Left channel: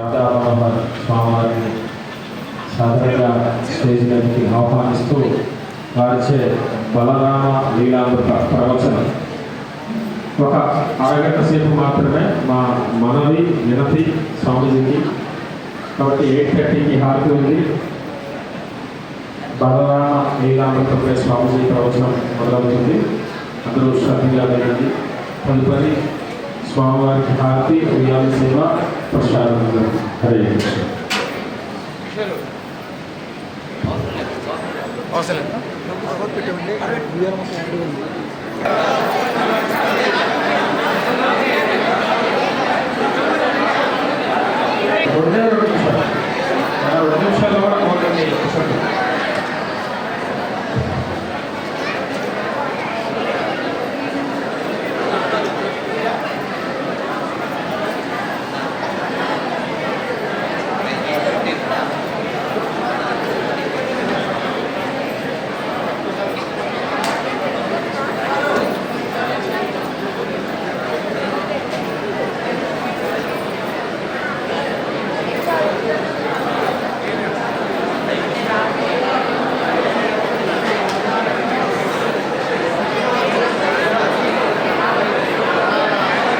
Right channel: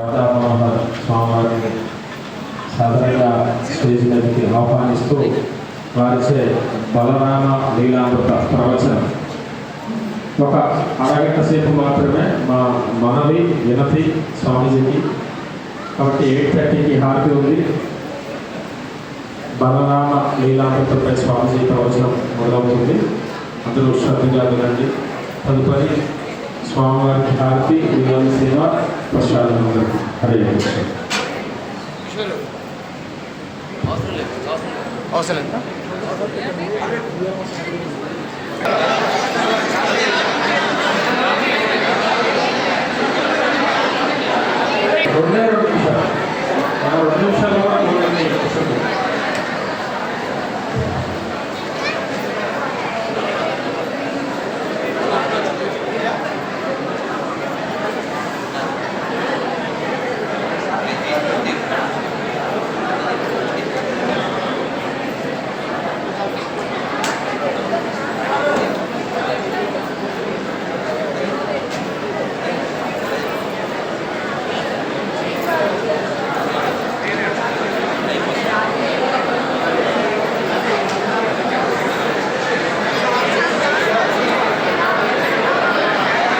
రాధామనోహర్ స్వామివారిని సాధారణంగా స్టేజ్ మీదకి ఆహ్వానిస్తూ వారిచే బలరామ లీలామృత ప్రవచనం. ఒక అరగంట సేపు మాత్రమే మా మనవి వినతి స్వామీజీకి. కాబట్టి ఎయిట్ థర్టీకి హారతి ఉంది. బలరామ లీలామృతపై స్వామీజీ ప్రవచనం మొదలవుతుంది. అందరూ శ్రద్ధగా వినండి. తదుపరి స్వామివారికి హారతి లీలాల సేవ ప్రసాదం హరే కృష్ణ అవసరం లేదా రెండే రెండు నిమిషాలు ఆ రెండు నిమిషాల్లో కూడా చూడండి పుస్తకం.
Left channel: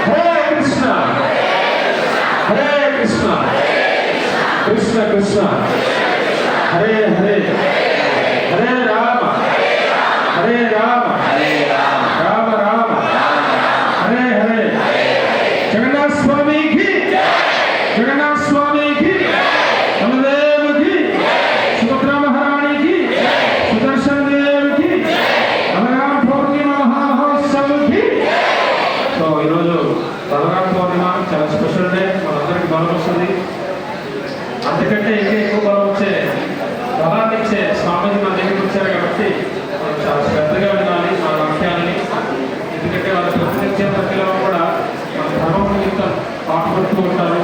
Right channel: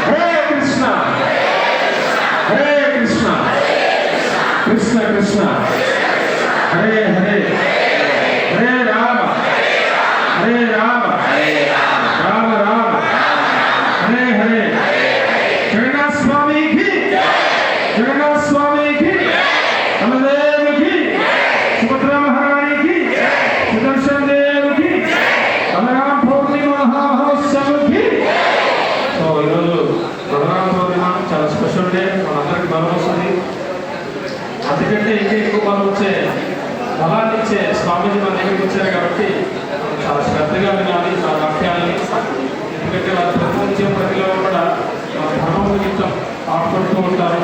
హరే కృష్ణ హరే కృష్ణ కృష్ణ కృష్ణ హరే హరే హరే రామ హరే రామ రామ రామ హరే హరే జగన్నాథ స్వామికి జగన్నాథ స్వామికి బలదేవుకి సుభద్రా మహారాణికి సుదర్శన దేవుకి బలరామ పౌర్ణిమ మహామహోత్సవకి సో ఈరోజు బలరామ బలాన్ని ఇచ్చే స్వామీజీ మన దగ్గరికి వచ్చారు కాబట్టి మనం చాలా శ్రద్ధగా వినాలి ఆ వాక్యాలని. ఎందుకంటే వాళ్ళ ప్రతినిత్యం ప్రతిలో కూడా మన ధర్మం నిమిత్తం పాటుపడుతూ ఉంటారు.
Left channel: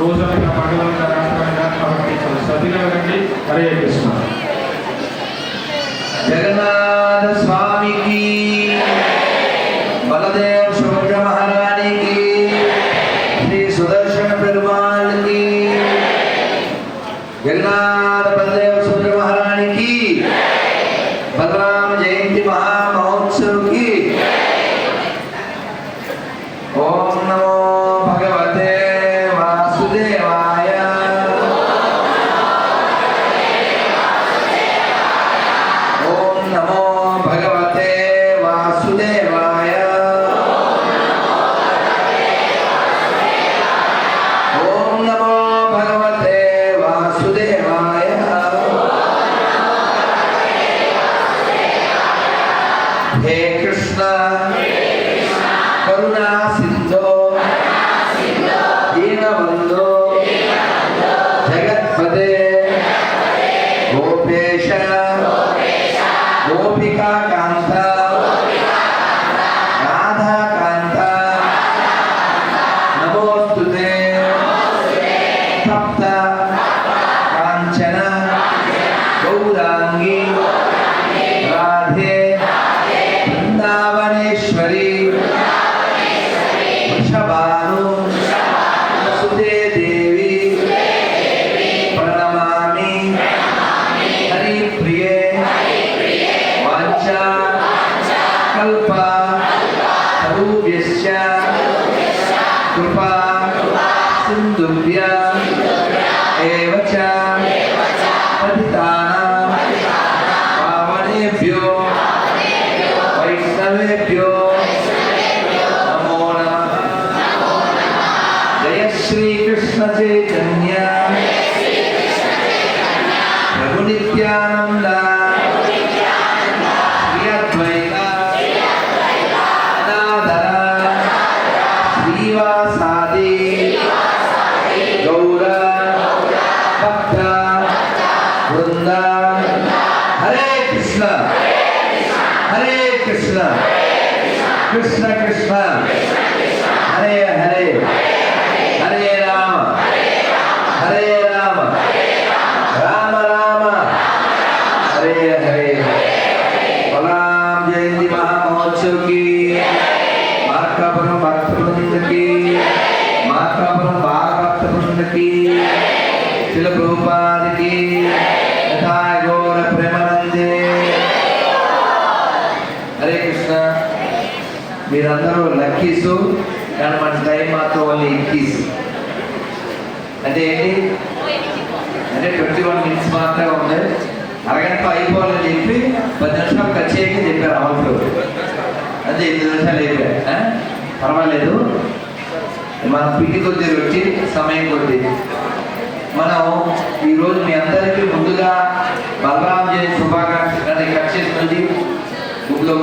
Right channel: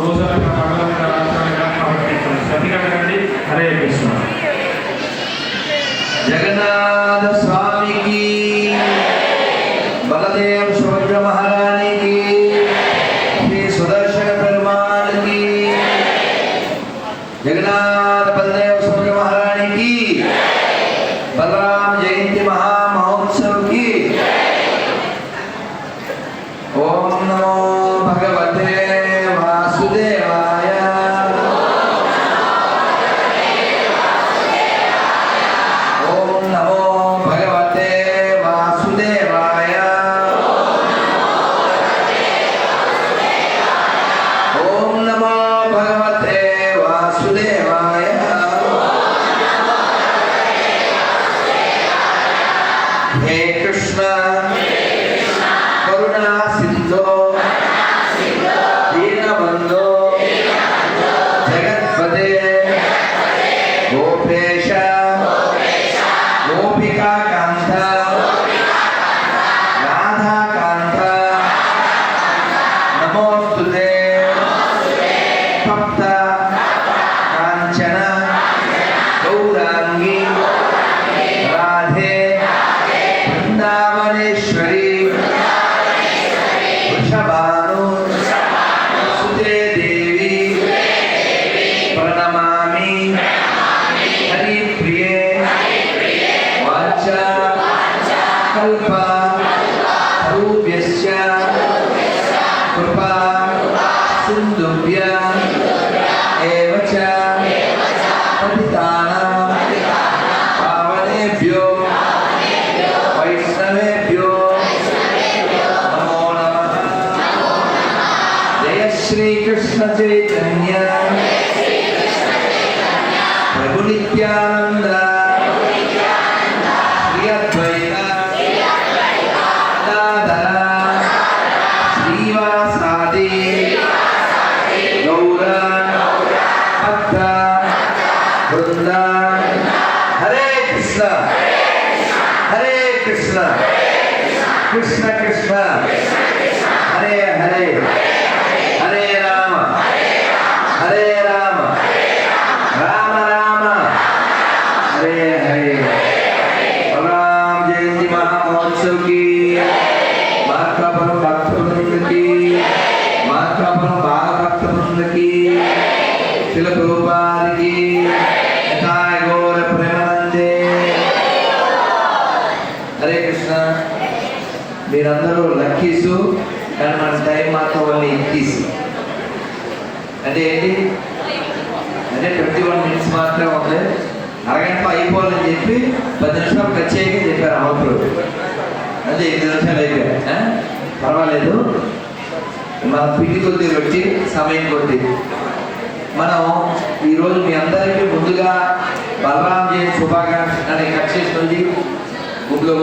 రోజనగా మంగళంగా రాష్ట్రాలుగా కాబట్టి చాలా శ్రద్ధగా వినండి. హరే కృష్ణ. మహోత్సవ్కి ఓం నమో భగవతే వాసుదేవాయ. ఓం నమో భగవతే వాసుదేవాయ. ఓం నమో భగవతే కల్ప రూప్యస్య కృపా సింధుభ్య ఏవ చ పావనేభ్యో వైష్ణవేభ్యో నమో నమః జయ శ్రీకృష్ణ చైతన్య ప్రభు హరే కృష్ణ. హరే కృష్ణ. కృష్ణ కృష్ణ. హరే హరే. హరే రామ. హరే రామ. రామ రామ. హరే హరే. బలరాం జయంతి మహామహోత్సవ్కి మార్కాపురం భక్త బృందకి మార్కాపురం బాలభక్త బృందకి శిల ప్రభుపాదికి హరే కృష్ణ. మీరందరూ లక్కీసు. కానీ మన టైం మాత్రం వాళ్ళు ఎక్కీస్ అంటే ఏంటి? అంటే ట్వంటీ వన్ మినిట్స్ మాత్రమే ఉంది. అరగంట అయిపోవాలని చెప్పి పది నిమిషాలు ఖర్చు చేయకని చెప్పారు అమలు అదే ఎనిమిది నిమిషాలు అయిపోయాయి. పర్వాలేదు. మన పిండి కొద్ది వచ్చి సమయం కొద్ది. మనం ఈరోజు మీ అందరికీ ముందుగా బలరాం జయంతి శుభాకాంక్షలు. కట్ చేసి గుడ్లో